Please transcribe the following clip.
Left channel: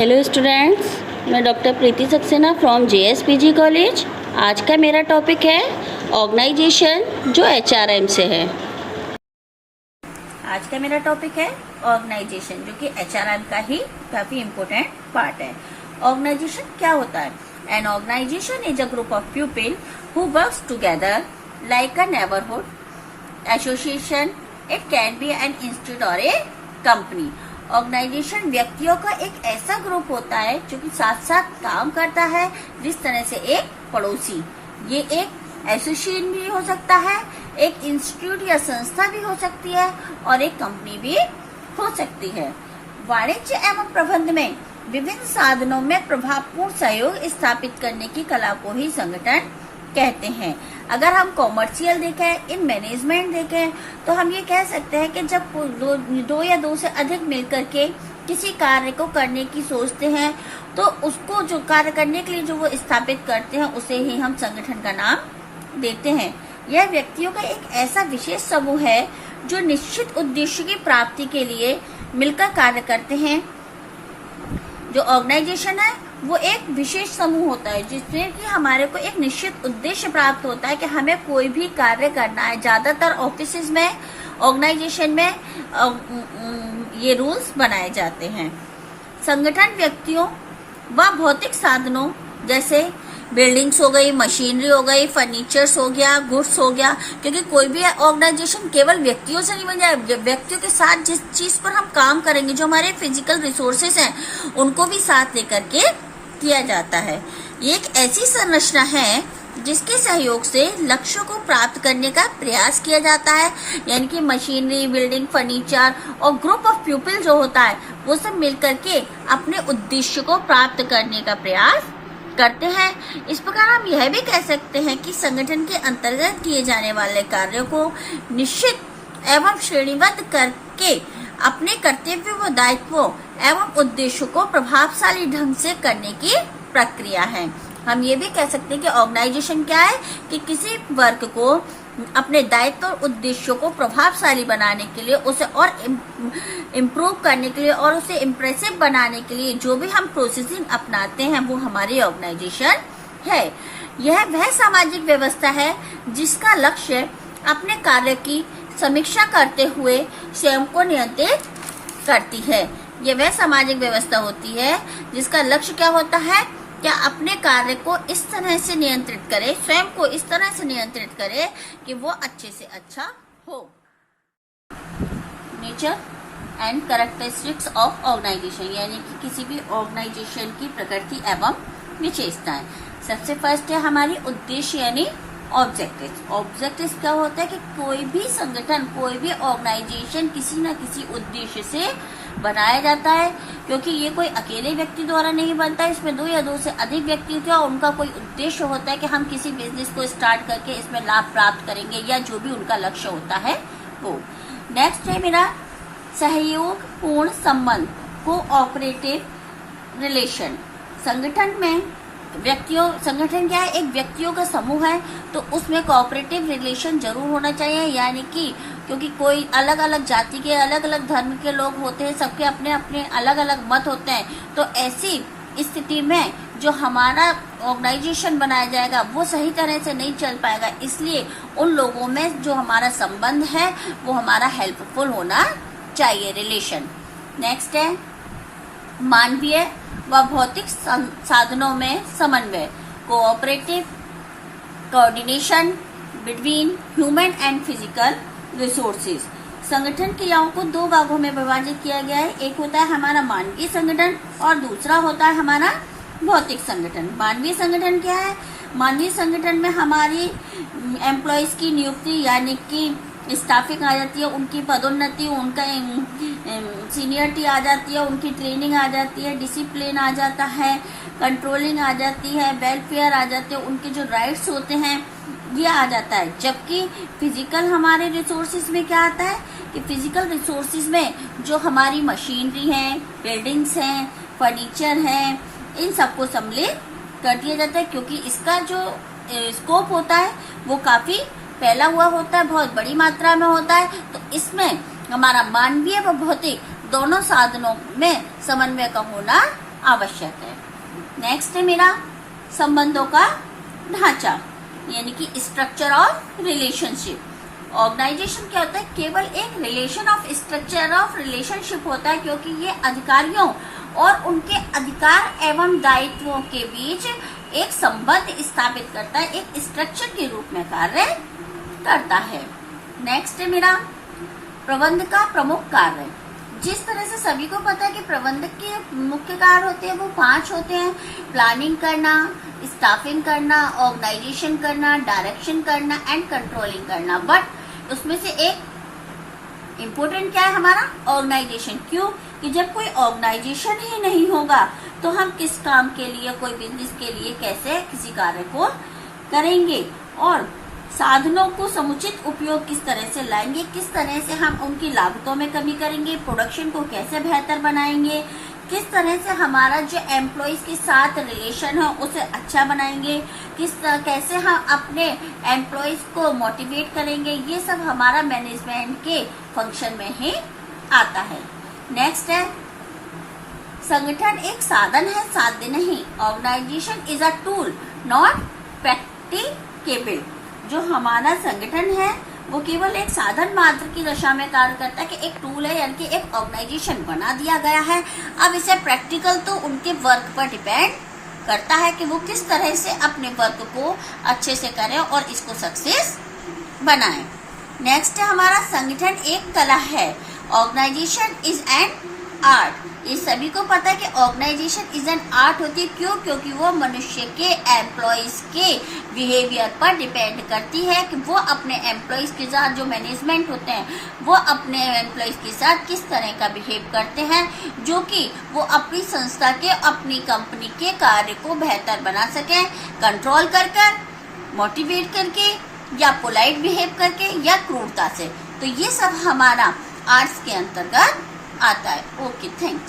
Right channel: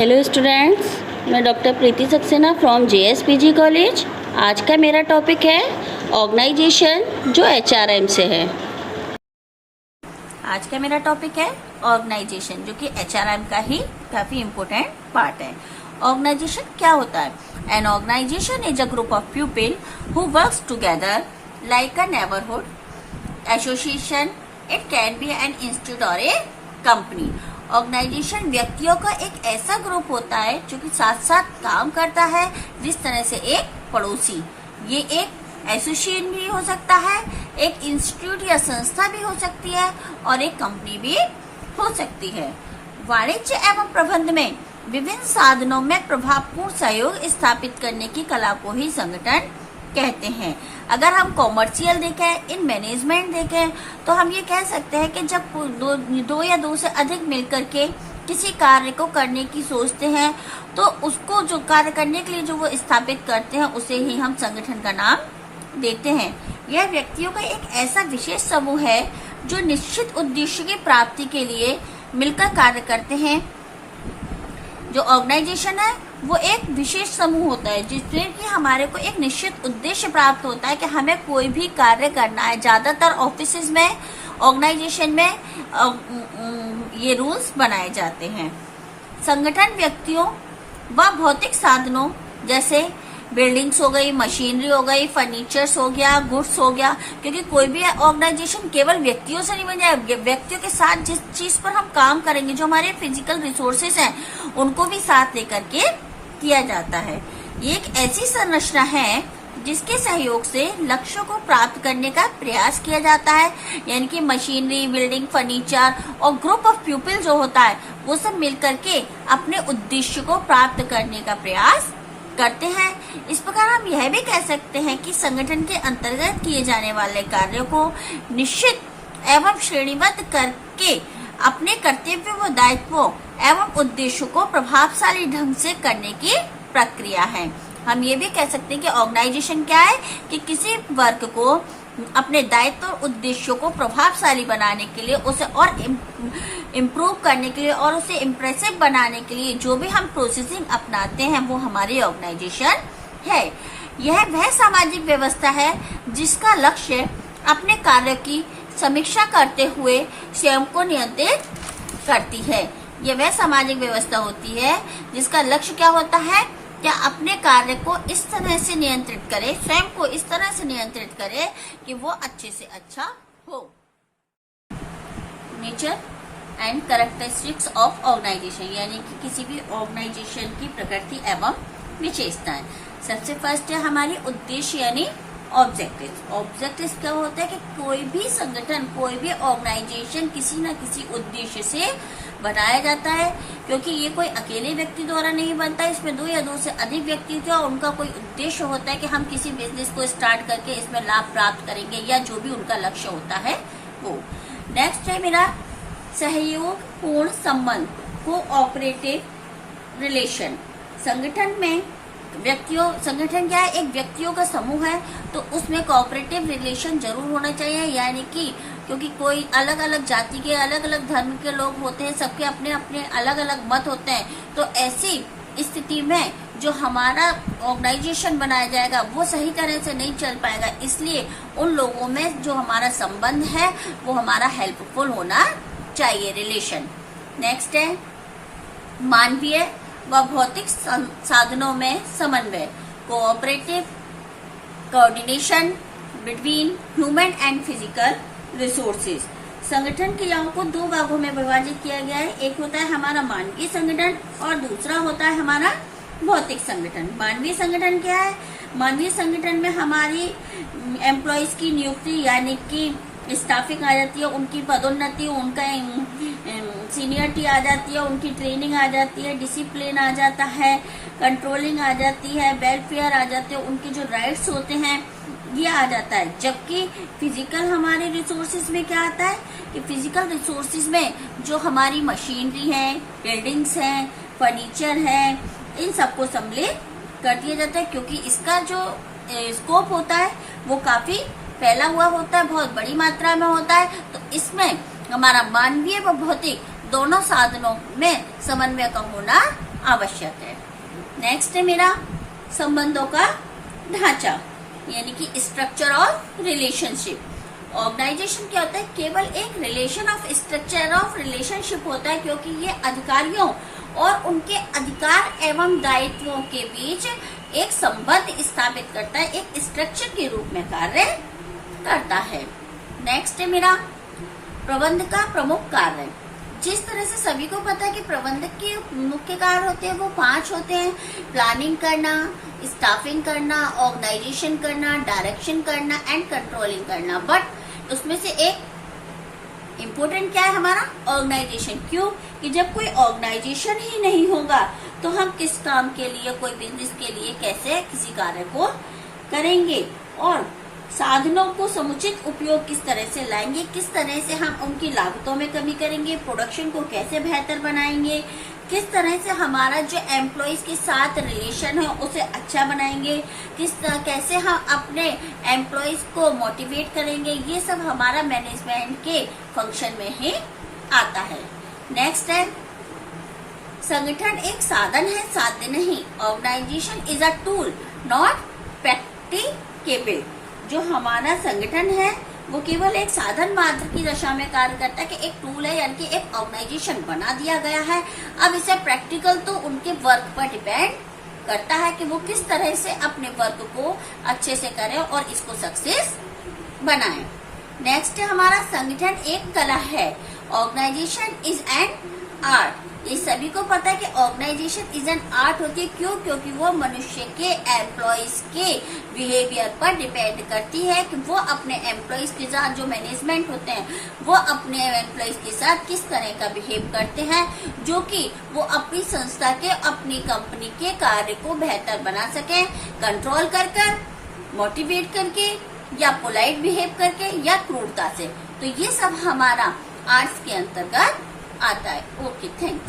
Hello students, मैं doctor Preeti Saxena from JSPG college. आज का मेरा टॉपिक है ऑर्गेनाइजेशन, जो एचआरएम से है। आज का मेरा टॉपिक है ऑर्गेनाइजेशन, जो कि एचआरएम का ही काफी इम्पोर्टेंट पार्ट है। ऑर्गेनाइजेशन क्या होता है? An organisation is a group of people who works together like a neighbourhood association. It can be an institute or a company. Organisation व्यक्तियों का एक ऐसा ग्रुप होता है जो कि साथ साथ काम करता है, जिस तरह से एक पड़ोसी। ये एक एसोसिएशन भी हो सकता है, एक इंस्टीट्यूट या संस्था भी हो सकती है, और एक कंपनी भी हो सकती है। वाणिज्य एवं प्रबंधन में विभिन्न साधनों में प्रभावपूर्ण सहयोग स्थापित करने की कला को ही संगठन कहते हैं। अगर हम कॉमर्शियल देखें, इन मैनेजमेंट देखें, तो हम ये कह सकते हैं कि जब दो या दो से अधिक मिलकर के किसी कार्य को करने की सोचते हैं, तो उसको जो कार्य करने के लिए जो वो स्थापित करते हैं, उसे ही हम संगठन का नाम देते हैं। यह व्यक्तियों का एक ऐसा विशेष समूह है जो निश्चित उद्देश्य की प्राप्ति के लिए मिलकर कार्य करते हैं। जो ऑर्गेनाइजेशन है वो एक विशेष समूह होता है जिसमें कि हमारे को एक निश्चित उद्देश्य प्राप्त होता है कि हमें कोई भी कार्य करना है। ज्यादातर ऑफिसेज में, ऑर्गेनाइजेशन में ये रूल्स बनाए जाते हैं। संगठन व्यक्तियों व भौतिक साधनों जैसे बिल्डिंग्स हो गई, मशीनरी हो गई, फर्नीचर्स हो गया, गुड्स हो गया, क्योंकि कोई भी ऑर्गेनाइजेशन केवल व्यक्तियों से नहीं बन जाए। व्यक्तियों के साथ जिस चीज पर हम काम करेंगे, जो हमारे फिजिकल रिसोर्सेस हैं, उनको भी साथ लेकर के किया जाता है। ये एक ऐसी संरचना है जिसके सहयोग से लक्ष्यों को प्राप्त करने का प्रयास किया जाता है। यानी कि मशीनरी, बिल्डिंग, फर्नीचर और ग्रुप ऑफ पीपल जो होता है, वो सब मिलकर के अपने उद्देश्य को प्राप्त करने का प्रयास करते हैं। इस प्रकार हम यह भी कह सकते हैं कि संगठन के अंतर्गत किए जाने वाले कार्यों को निश्चित एवं श्रेणीबद्ध करके अपने कर्तव्य व दायित्वों एवं उद्देश्यों को प्रभावशाली ढंग से करने की प्रक्रिया है। हम ये भी कह सकते हैं कि ऑर्गेनाइजेशन क्या है कि किसी वर्ग को अपने दायित्व और उद्देश्यों को प्रभावशाली बनाने के लिए, उसे और इम्प्रूव करने के लिए और उसे इम्प्रेसिव बनाने के लिए जो भी हम प्रोसेसिंग अपनाते हैं, वो हमारी ऑर्गेनाइजेशन है। यह वह सामाजिक व्यवस्था है जिसका लक्ष्य अपने कार्य की समीक्षा करते हुए स्वयं को नियंत्रित करती है। यह वह सामाजिक व्यवस्था होती है जिसका लक्ष्य क्या होता है? क्या अपने कार्य को इस तरह से नियंत्रित करे, स्वयं को इस तरह से नियंत्रित करे कि वो अच्छे से अच्छा हो। Nature and characteristics of organisation, यानी कि किसी भी ऑर्गेनाइजेशन की प्रकृति एवं विशेषताएं। सबसे फर्स्ट है हमारी उद्देश्य यानी ऑब्जेक्टिव। ऑब्जेक्टिव क्या होता है कि कोई भी संगठन, कोई भी ऑर्गेनाइजेशन किसी न किसी उद्देश्य से बनाया जाता है, क्योंकि ये कोई अकेले व्यक्ति द्वारा नहीं बनता। इसमें दो या दो से अधिक व्यक्ति होते हैं और उनका कोई उद्देश्य होता है कि हम किसी बिजनेस को स्टार्ट करके इसमें लाभ प्राप्त करेंगे, या जो भी उनका लक्ष्य होता है वो। नेक्स्ट है मेरा सहयोग पूर्ण संबंध, कोऑपरेटिव रिलेशन। संगठन में संगठन क्या है? एक व्यक्तियों का समूह है, तो उसमें कोऑपरेटिव रिलेशन जरूर होना चाहिए। यानी कि क्योंकि कोई अलग अलग जाति के, अलग अलग धर्म के लोग होते हैं, सबके अपने अपने अलग अलग मत होते हैं, तो ऐसी स्थिति में जो हमारा ऑर्गेनाइजेशन बनाया जाएगा वो सही तरह से नहीं चल पाएगा। इसलिए उन लोगों में जो हमारा संबंध है वो हमारा हेल्पफुल होना चाहिए, रिलेशन। नेक्स्ट है मानवीय व भौतिक साधनों में समन्वय, cooperative coordination between human and physical resources. संगठन क्रियाओं को दो भागों में विभाजित किया गया है। एक होता है हमारा मानवीय संगठन और दूसरा होता है हमारा भौतिक संगठन। मानवीय संगठन क्या है? मानवीय संगठन में हमारी एम्प्लॉयज की नियुक्ति, यानी कि स्टाफिंग आ जाती है, उनकी पदोन्नति, उनका सीनियरिटी आ जाती है, उनकी ट्रेनिंग आ जाती है, डिसिप्लिन आ जाता है, कंट्रोलिंग आ जाती है, वेलफेयर आ जाते हैं, उनके जो राइट्स होते हैं ये आ जाता है। जबकि फिजिकल हमारे रिसोर्सेज में क्या आता है कि फिजिकल रिसोर्सेज में जो हमारी मशीनरी है, बिल्डिंग्स हैं, फर्नीचर है, इन सबको सम्मिलित कर दिया जाता है, क्योंकि इसका जो स्कोप होता है वो काफी फैला हुआ होता है, बहुत बड़ी मात्रा में होता है। तो इसमें हमारा मानवीय व भौतिक दोनों साधनों में समन्वय का होना आवश्यक है। नेक्स्ट है मेरा संबंधों का ढांचा, यानी कि स्ट्रक्चर ऑफ रिलेशनशिप। ऑर्गेनाइजेशन क्या होता है? केवल एक relation of structure of relationship होता है, क्योंकि ये अधिकारियों और उनके अधिकार एवं दायित्वों के बीच एक संबंध स्थापित करता है, एक स्ट्रक्चर के रूप में कार्य करता है। नेक्स्ट है मेरा प्रबंधक का प्रमुख कार्य। जिस तरह से सभी को पता है कि प्रबंधक के मुख्य कार्य होते हैं वो 5 होते हैं: प्लानिंग करना, स्टाफिंग करना, ऑर्गेनाइजेशन करना, डायरेक्शन करना एंड कंट्रोलिंग करना। बट उसमें से एक इम्पोर्टेंट क्या है हमारा? ऑर्गेनाइजेशन। क्यों? कि जब कोई ऑर्गेनाइजेशन ही नहीं होगा तो हम किस काम के लिए, कोई बिजनेस के लिए कैसे किसी कार्य को करेंगे, और साधनों को समुचित उपयोग किस तरह से लाएंगे, किस तरह से हम उनकी लागतों में कमी करेंगे, प्रोडक्शन को कैसे बेहतर बनाएंगे, किस तरह से हमारा जो एम्प्लॉइज के साथ रिलेशन है उसे अच्छा बनाएंगे, कैसे हम अपने एम्प्लॉइज को मोटिवेट करेंगे, ये सब हमारा मैनेजमेंट के फंक्शन में ही आता है। नेक्स्ट है संगठन एक साधन है, साध्य नहीं। Organisation is a tool not practicable. जो हमारा संगठन है वो केवल एक साधन मात्र की दशा में कार्य करता है, कि एक टूल है, यानी कि एक ऑर्गेनाइजेशन बना दिया गया है। अब इसे प्रैक्टिकल तो उनके वर्क पर डिपेंड करता है कि वो किस तरह से अपने वर्क को अच्छे से करें और इसको सक्सेस बनाएं। नेक्स्ट है हमारा संगठन एक कला है। Organisation is an art. ये सभी को पता है कि ऑर्गेनाइजेशन इज एन आर्ट होती है। क्यों? क्योंकि वो मनुष्य के एम्प्लॉइज के बिहेवियर पर डिपेंड करती है कि वो अपने एम्प्लॉइज के साथ, जो मैनेजमेंट होते हैं वो अपने एम्प्लॉइज के साथ किस तरह का बिहेव करते हैं, जो कि वो अपनी संस्था के, अपनी कंपनी के कार्य को बेहतर बना सके, कंट्रोल कर कर, मोटिवेट करके, या पोलाइट बिहेव करके, या क्रूरता से। तो ये सब हमारा आर्ट्स के अंतर्गत आता है। Okay, thanks.